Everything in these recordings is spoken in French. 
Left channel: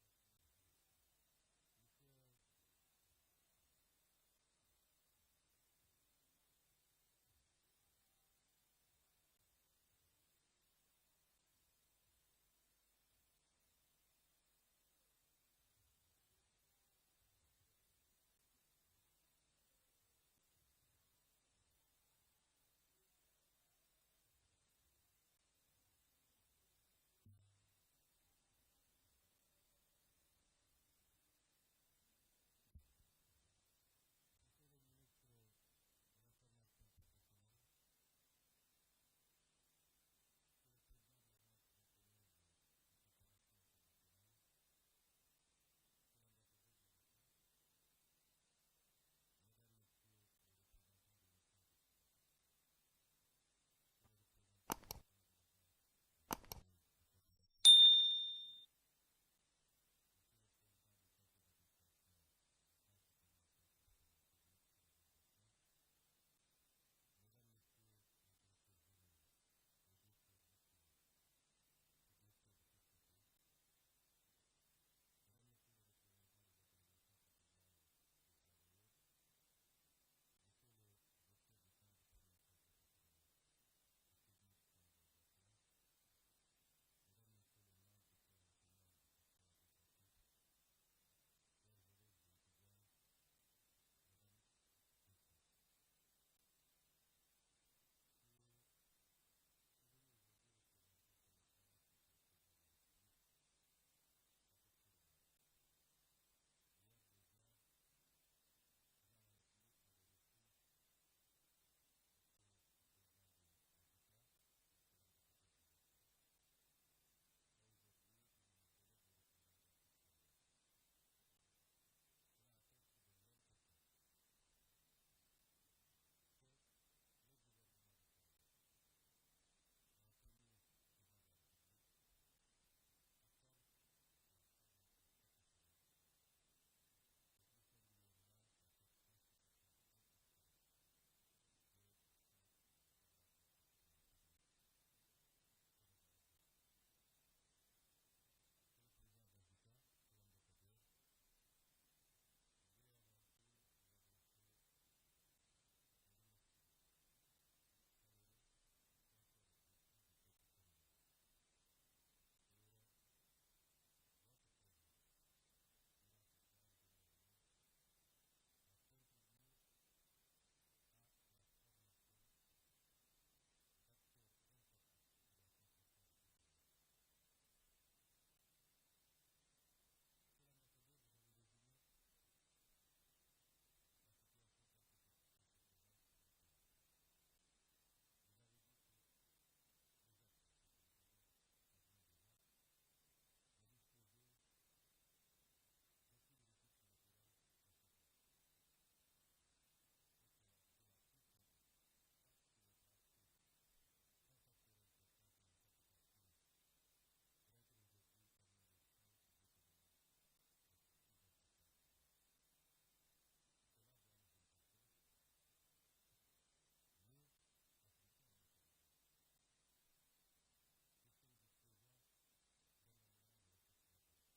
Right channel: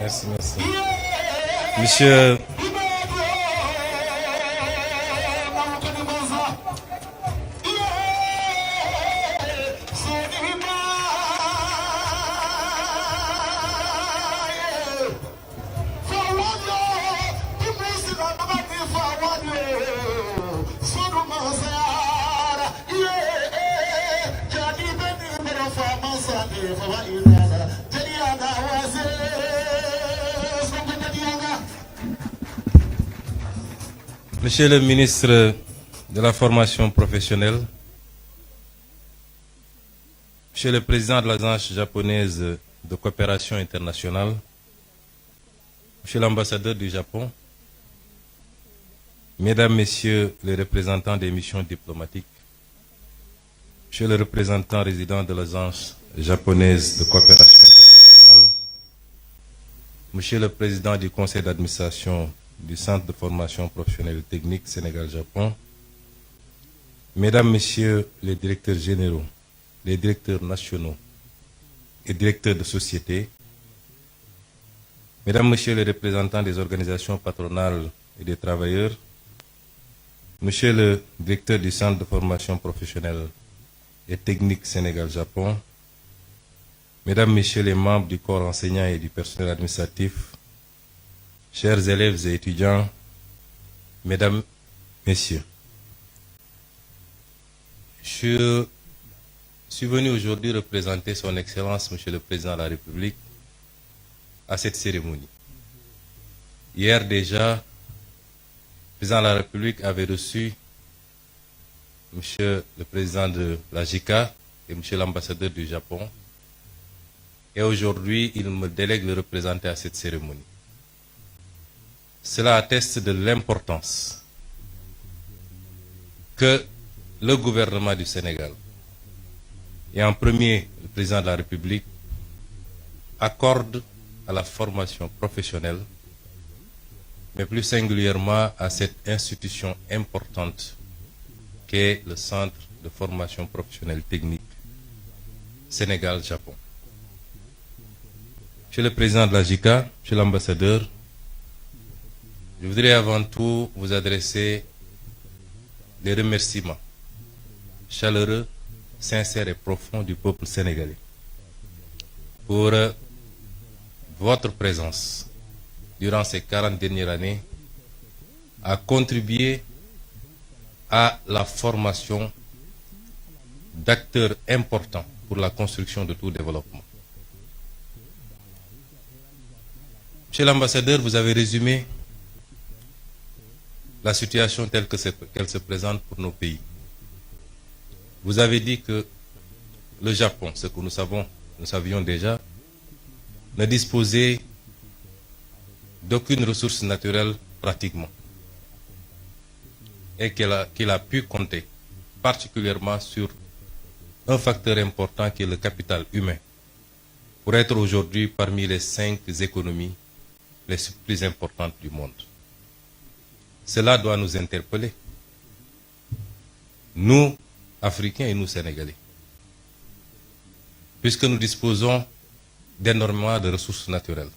Merci, merci. Monsieur... Monsieur le ministre de la formation professionnelle, Monsieur le président de l'Agence japonaise de coopération internationale, Monsieur l'ambassadeur du Japon, Mesdames, Messieurs les représentants des missions diplomatiques, Monsieur le représentant résident de l'Agence japonaise de coopération internationale, Monsieur le président du conseil d'administration du Centre de formation professionnelle et technique Sénégal-Japon, Mesdames, Messieurs les directeurs généraux, les directeurs nationaux et directeurs de société, Mesdames, Messieurs les représentants des organisations patronales et des travailleurs, Monsieur le directeur du Centre de formation professionnelle et technique Sénégal-Japon, Mesdames, Messieurs les membres du corps enseignant et du personnel administratif, chers élèves et étudiants, Mesdames, Messieurs, je suis venu aujourd'hui représenter son Excellence, Monsieur le Président de la République, à cette cérémonie. Hier déjà, le Président de la République avait reçu Monsieur le Président de la JICA et Monsieur l'ambassadeur du Japon. Et aujourd'hui, il me délègue de le représenter à cette cérémonie. Cela atteste de l'importance que le gouvernement du Sénégal, et en premier le Président de la République, accorde à la formation professionnelle, mais plus singulièrement à cette institution importante qu'est le Centre de formation professionnelle technique Sénégal-Japon. Monsieur le Président de la JICA, Monsieur l'ambassadeur, je voudrais avant tout vous adresser des remerciements chaleureux, sincères et profonds du peuple sénégalais pour votre présence durant ces 40 dernières années à contribuer à la formation d'acteurs importants pour la construction de tout développement. Monsieur l'ambassadeur, vous avez résumé la situation telle qu'elle se présente pour nos pays. Vous avez dit que le Japon, ce que nous savions déjà, ne disposait d'aucune ressource naturelle pratiquement, et qu'il a pu compter particulièrement sur un facteur important qui est le capital humain, pour être aujourd'hui parmi les 5 économies les plus importantes du monde. Cela doit nous interpeller, nous, Africains et nous, Sénégalais, puisque nous disposons d'énormément de ressources naturelles,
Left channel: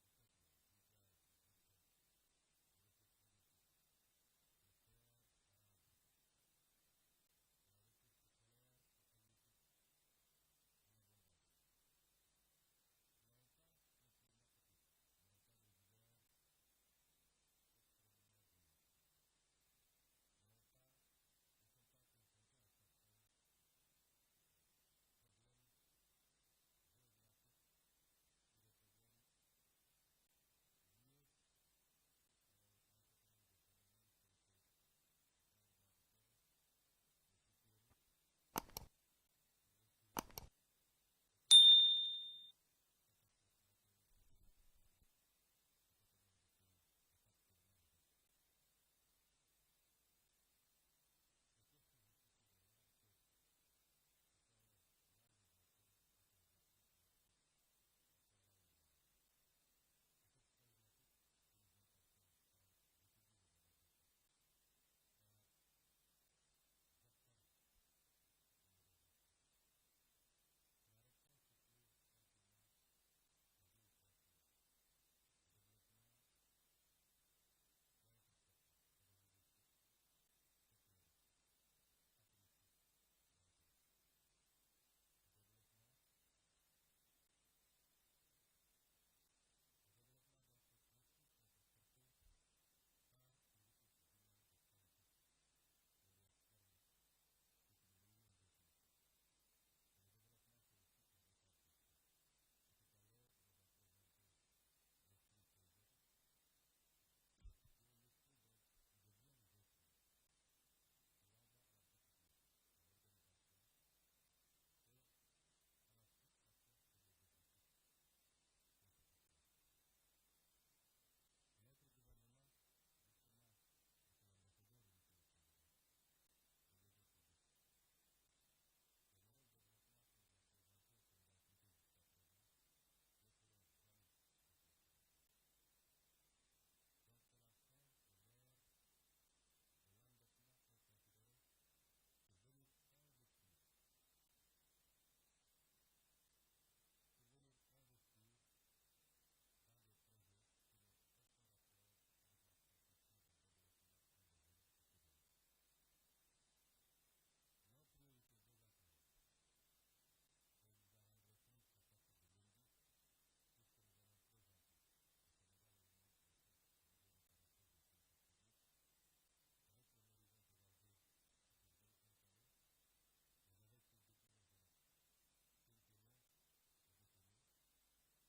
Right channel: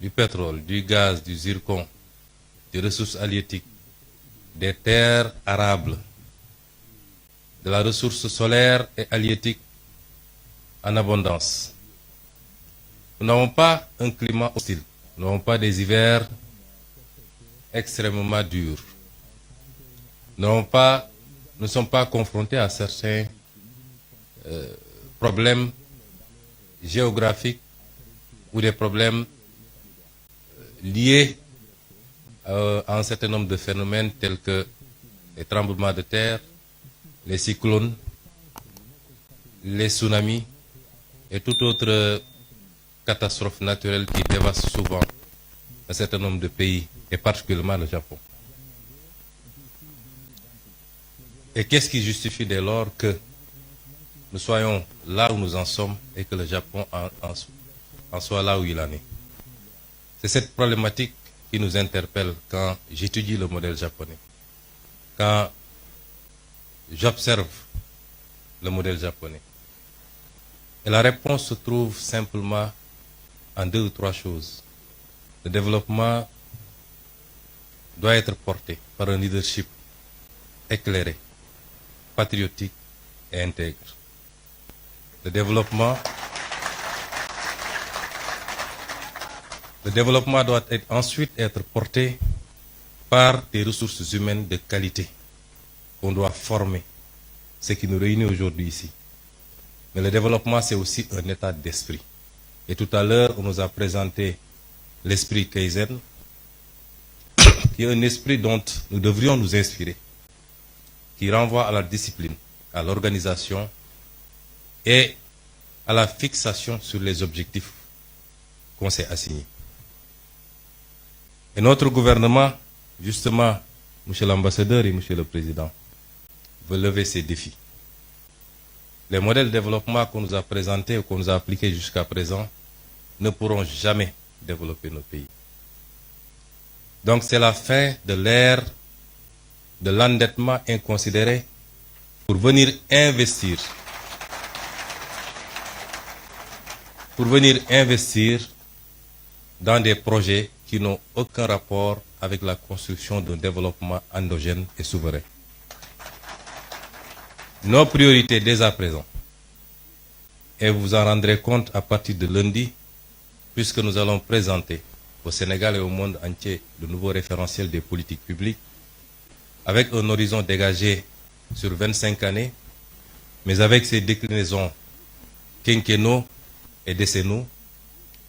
du pétrole, du gaz, du zircon, des ressources halieutiques, des terres arables, de la ressource solaire et halieutique en abondance. Nous n'avons pas un climat hostile, nous n'avons pas des hivers extrêmement durs. Nous ne sommes pas confrontés à certains problèmes géographiques ou des problèmes liés à un certain nombre de phénomènes tels que les tremblements de terre, les cyclones, les tsunamis et toute autre catastrophe naturelle qui dévaste souvent un certain nombre de pays, et particulièrement le Japon. Et qu'est-ce qui justifie dès lors que nous soyons là où nous en sommes et que le Japon en soit là où il en est? C'est cette problématique qui nous interpelle quand j'étudie le modèle japonais, quand j'observe le modèle japonais. Et la réponse se trouve simplement en 2 ou 3 choses. Le développement doit être porté par un leadership éclairé, patriotique et intègre. Le développement doit ensuite être porté par des ressources humaines de qualité qu'on doit former, ce qui nous réunit aujourd'hui ici. Mais le développement, c'est aussi un état d'esprit. Et tout à l'heure, on nous a présenté l'esprit Kaizen, qui est un esprit dont nous devrions nous inspirer, qui renvoie à la discipline, à l'organisation et à la fixation sur les objectifs qu'on s'est assignés. Et notre gouvernement, justement, Monsieur l'ambassadeur et Monsieur le Président, veut lever ces défis. Les modèles de développement qu'on nous a présentés ou qu'on nous a appliqués jusqu'à présent ne pourront jamais développer nos pays. Donc c'est la fin de l'ère de l'endettement inconsidéré pour venir investir dans des projets qui n'ont aucun rapport avec la construction d'un développement endogène et souverain. Nos priorités dès à présent, et vous vous en rendrez compte à partir de lundi, puisque nous allons présenter au Sénégal et au monde entier de nouveaux référentiels des politiques publiques, avec un horizon dégagé sur 25 années, mais avec ses déclinaisons quinquennaux et décennaux,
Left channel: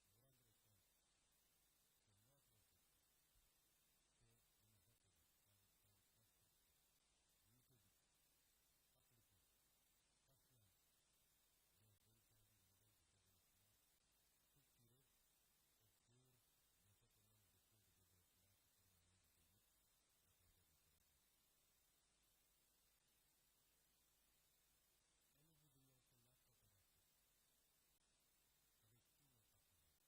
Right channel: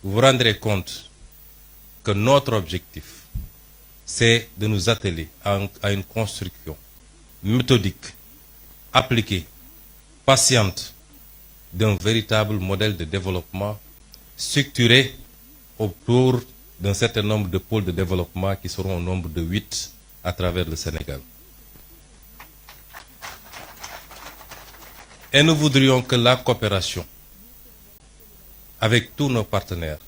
vous vous rendrez compte que notre objectif, c'est de nous atteler à une construction méthodique, appliquée, patiente, d'un véritable modèle de développement structuré autour d'un certain nombre de pôles de développement qui seront au nombre de 8 à travers le Sénégal. Et nous voudrions que la coopération avec tous nos partenaires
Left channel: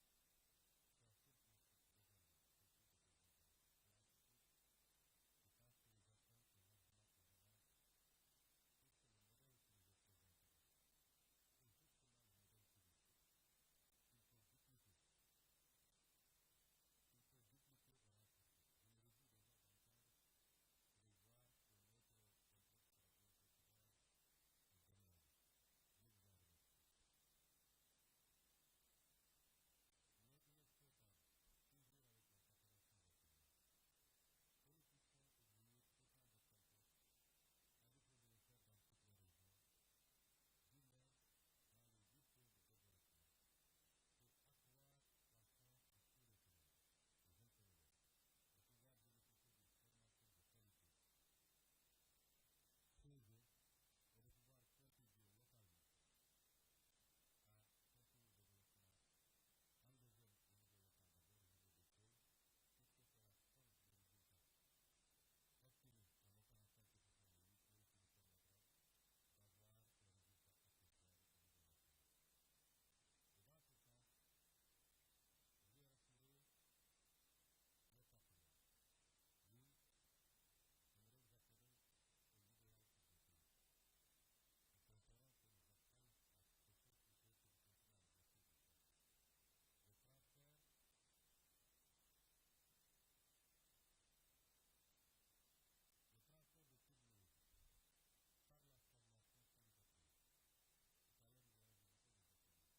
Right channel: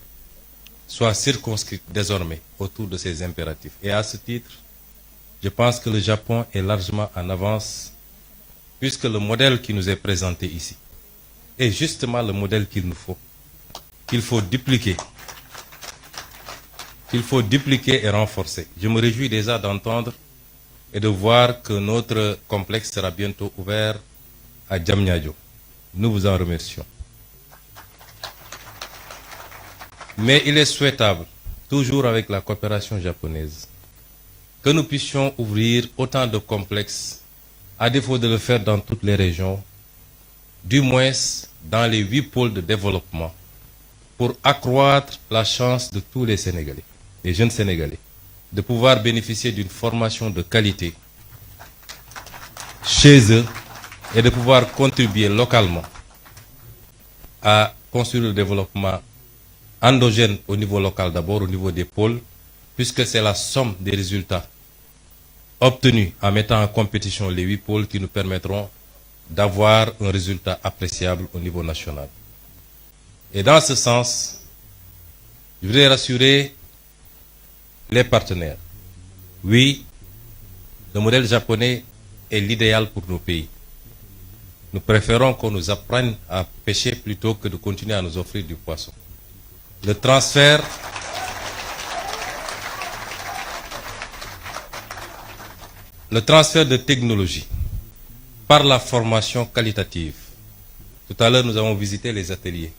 soit circonscrite désormais autour de ces impératifs. Et à ce titre, je pense que le Japon est largement en avance, puisque le modèle qui nous est présenté ici est justement le modèle qu'il nous faut, qu'il faut dupliquer et renforcer. Je me réjouis déjà d'entendre et de voir que notre complexe sera bientôt ouvert à Diamniadio. Nous vous en remercions. Mais il est souhaitable, toujours avec la coopération japonaise, que nous puissions ouvrir autant de complexes, à défaut de le faire dans toutes les régions, du moins dans les 8 pôles de développement, pour accroître la chance de tous les Sénégalais, les jeunes Sénégalais, de pouvoir bénéficier d'une formation de qualité chez eux et de pouvoir contribuer localement à construire le développement endogène au niveau local d'abord, au niveau des pôles, puisque c'est la somme des résultats obtenus en mettant en compétition les 8 pôles qui nous permettront d'avoir un résultat appréciable au niveau national. Et dans ce sens, je voudrais rassurer les partenaires. Oui, le modèle japonais est l'idéal pour nos pays. Nous préférons qu'on nous apprenne à pêcher plutôt que de continuer à nous offrir du poisson. Le transfert de technologie par la formation qualitative. Tout à l'heure, nous avons visité les ateliers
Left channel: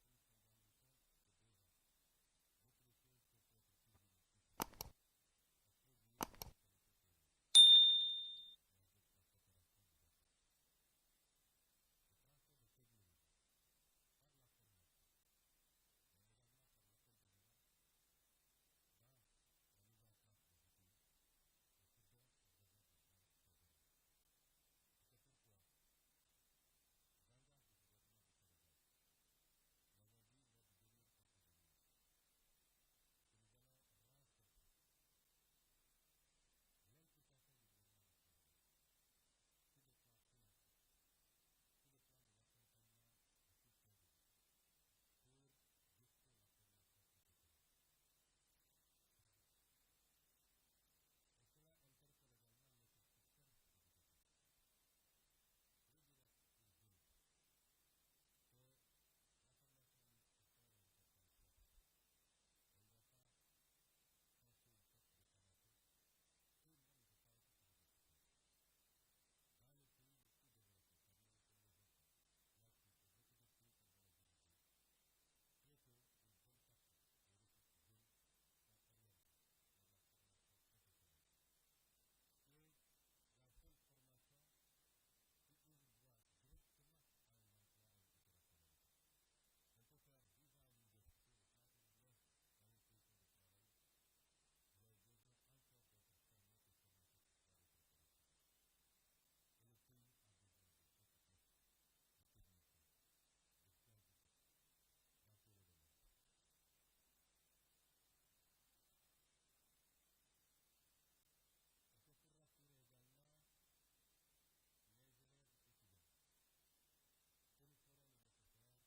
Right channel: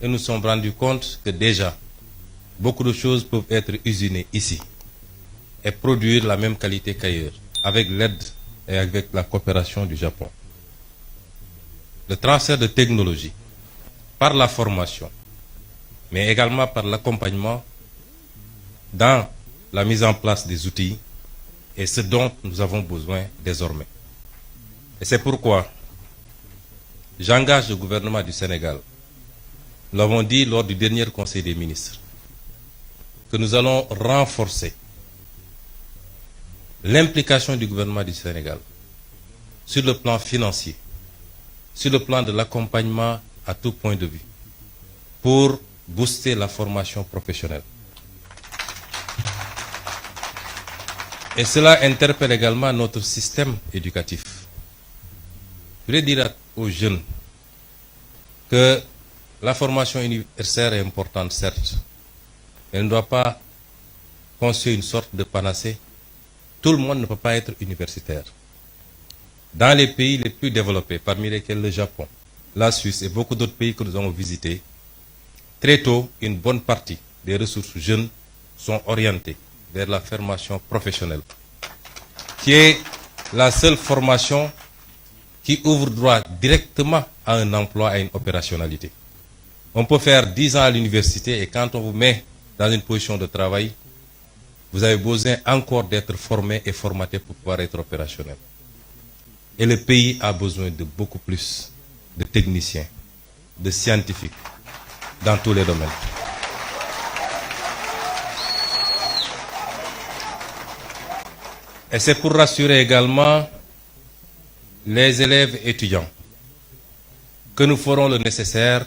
et nous nous sommes rendus compte que déjà, beaucoup de choses peuvent être usinées ici et produire la même qualité qu'ailleurs, avec l'aide et avec la coopération du Japon. Le transfert de technologie par la formation, mais également par l'accompagnement dans la mise en place des outils est ce dont nous avons besoin désormais. Et c'est pourquoi j'engage le gouvernement du Sénégal, nous l'avons dit lors du dernier Conseil des ministres, que nous allons renforcer l'implication du gouvernement du Sénégal sur le plan financier, sur le plan de l'accompagnement à tout point de vue, pour booster la formation professionnelle. Et cela interpelle également notre système éducatif. Je voudrais dire aux jeunes que la formation universitaire est importante, certes, mais elle ne doit pas constituer une sorte de panacée. Tout le monde ne peut pas être universitaire. Dans les pays les plus développés, parmi lesquels le Japon, la Suisse et beaucoup d'autres pays que nous avons visités, très tôt, une bonne partie des ressources jeunes sont orientées vers la formation professionnelle, qui est la seule formation qui ouvre droit directement à un emploi, à une opérationnalité. On peut faire 10 ans à l'université et quand on vous met dans une position de travail, vous avez besoin encore d'être formé et formaté pour pouvoir être opérationnel. Et le pays a besoin de beaucoup plus de techniciens, de scientifiques, dans tous les domaines. Et c'est pour rassurer également les élèves étudiants que nous ferons le nécessaire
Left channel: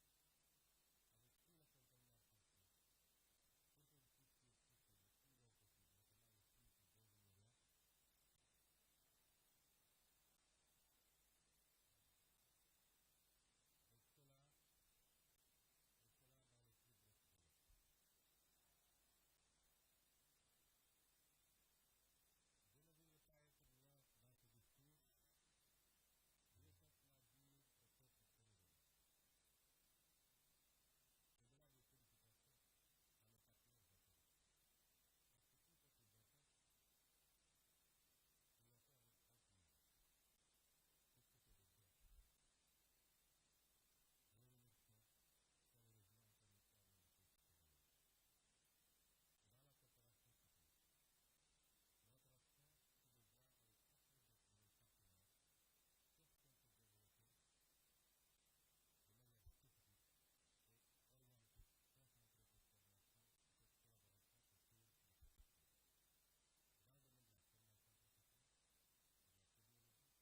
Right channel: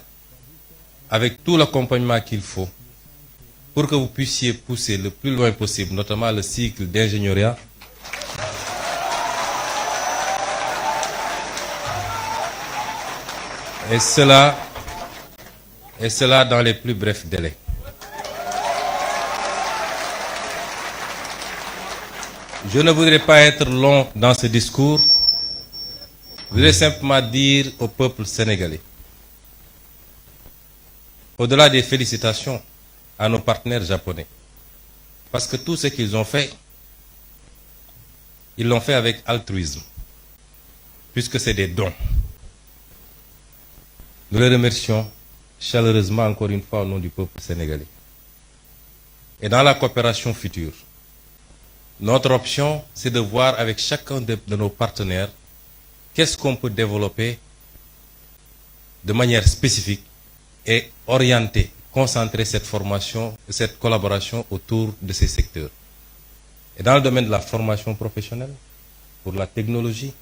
avec tout l'accompagnement qu'il faut pour que vous puissiez pousser le plus loin possible, notamment le cycle d'ingénieuriat, et cela dans les plus brefs délais. Je ne voudrais pas être long dans ce discours. Je voudrais simplement dire au peuple sénégalais, au-delà des félicitations à nos partenaires japonais, parce que tout ce qu'ils ont fait, ils l'ont fait avec altruisme, puisque c'est des dons. Nous les remercions chaleureusement encore une fois au nom du peuple sénégalais. Et dans la coopération future, notre option, c'est de voir avec chacun de nos partenaires qu'est-ce qu'on peut développer de manière spécifique et orienter, concentrer cette formation, cette collaboration autour de ces secteurs. Et dans le domaine de la formation professionnelle, pour la technologie,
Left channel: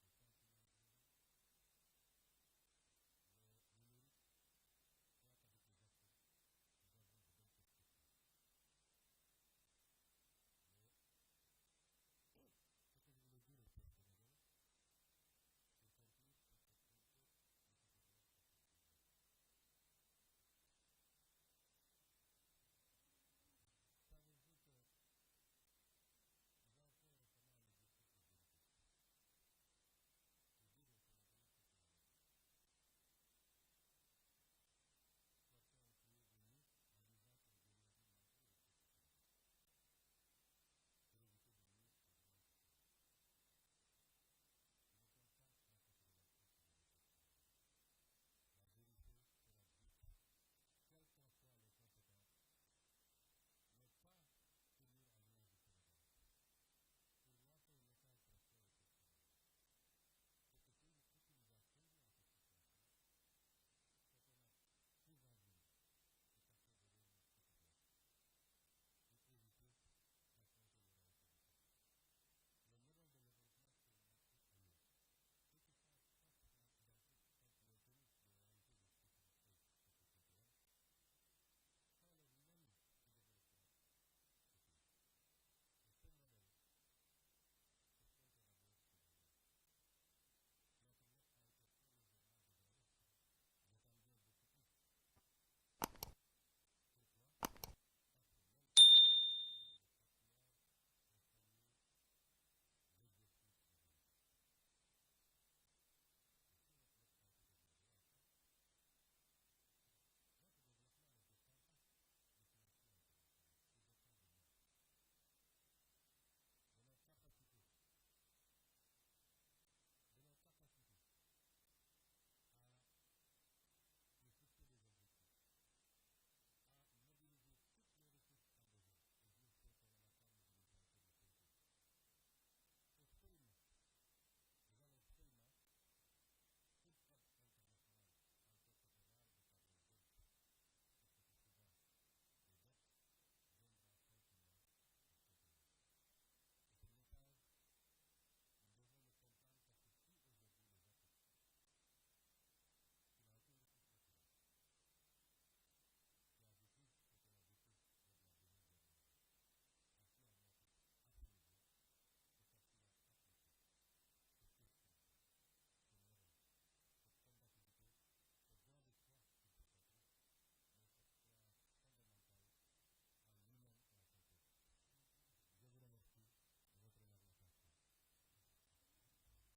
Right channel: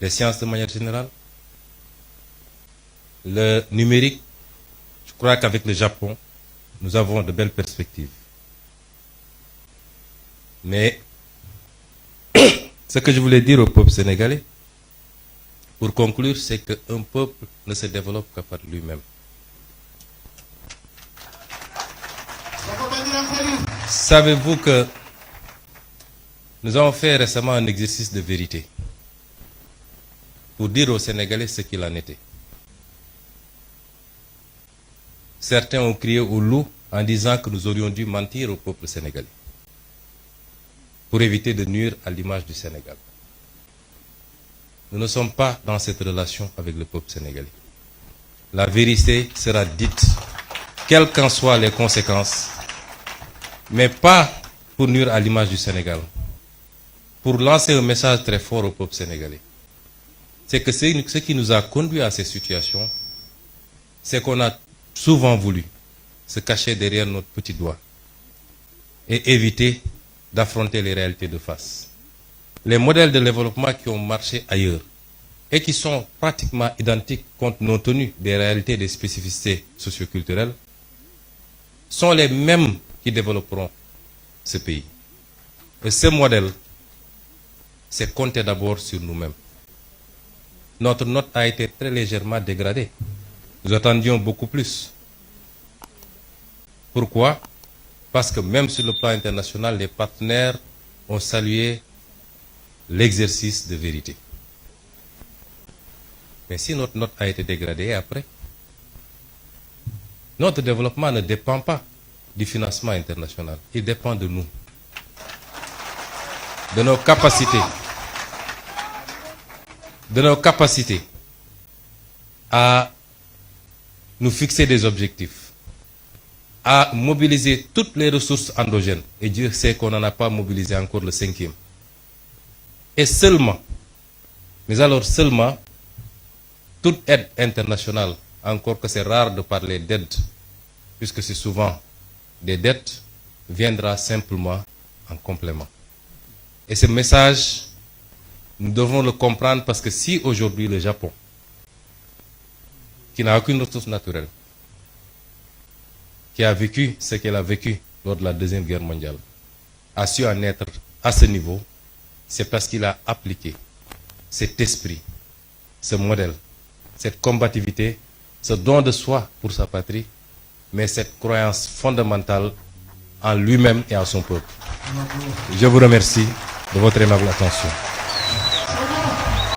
les sciences de manière générale, le numérique, je crois qu'avec le Japon, nous avons de belles perspectives. Mais ce que je voulais dire au peuple sénégalais, pour conclure, c'est qu'un peuple ne se développe que par lui-même. Savez-vous que nous avons fait récemment un exercice de vérité pour dire aux Sénégalais ce qu'il en était. Certains ont crié au loup en disant que nous aurions dû mentir au peuple sénégalais pour éviter de nuire à l'image du Sénégal. Nous ne sommes pas dans cette relation avec le peuple sénégalais. La vérité sera dite, quelles qu'en soient les conséquences, mais pas pour nuire à l'image du Sénégal, pour lancer un message très fort au peuple sénégalais. C'est que ce qui nous a conduit à ces situations, c'est qu'on a souvent voulu se cacher derrière notre petit doigt et éviter d'affronter les réalités de face. Les modèles de développement qui ont marché ailleurs et qui sont pratiquement identiques compte tenu des réalités et des spécificités socioculturelles sont les mêmes qui développeront ce pays. Et ce modèle, c'est compter d'abord sur nous-mêmes. Notre note a été très légèrement dégradée. Nous attendions beaucoup plus. Pourquoi? Parce que même sur le plan international, les partenaires ont salué l'exercice de vérité. Mais si notre note a été dégradée après, notre développement ne dépend pas du financement international. Il dépend de nous, de nos capacités à nous fixer des objectifs, à mobiliser toutes les ressources endogènes. Et Dieu sait qu'on n'en a pas mobilisé encore le 5e. Et seulement, mais alors seulement, toute aide internationale, encore que c'est rare de parler d'aide, puisque c'est souvent des dettes, viendra simplement en complément. Et ce message, nous devons le comprendre parce que si aujourd'hui le Japon, qui n'a aucune ressource naturelle, qui a vécu ce qu'elle a vécu lors de la Deuxième Guerre mondiale, a su en être à ce niveau, c'est parce qu'il a appliqué cet esprit, ce modèle cette combativité, ce don de soi pour sa patrie, mais cette croyance fondamentale en lui-même et en son peuple. Je vous remercie de votre aimable attention.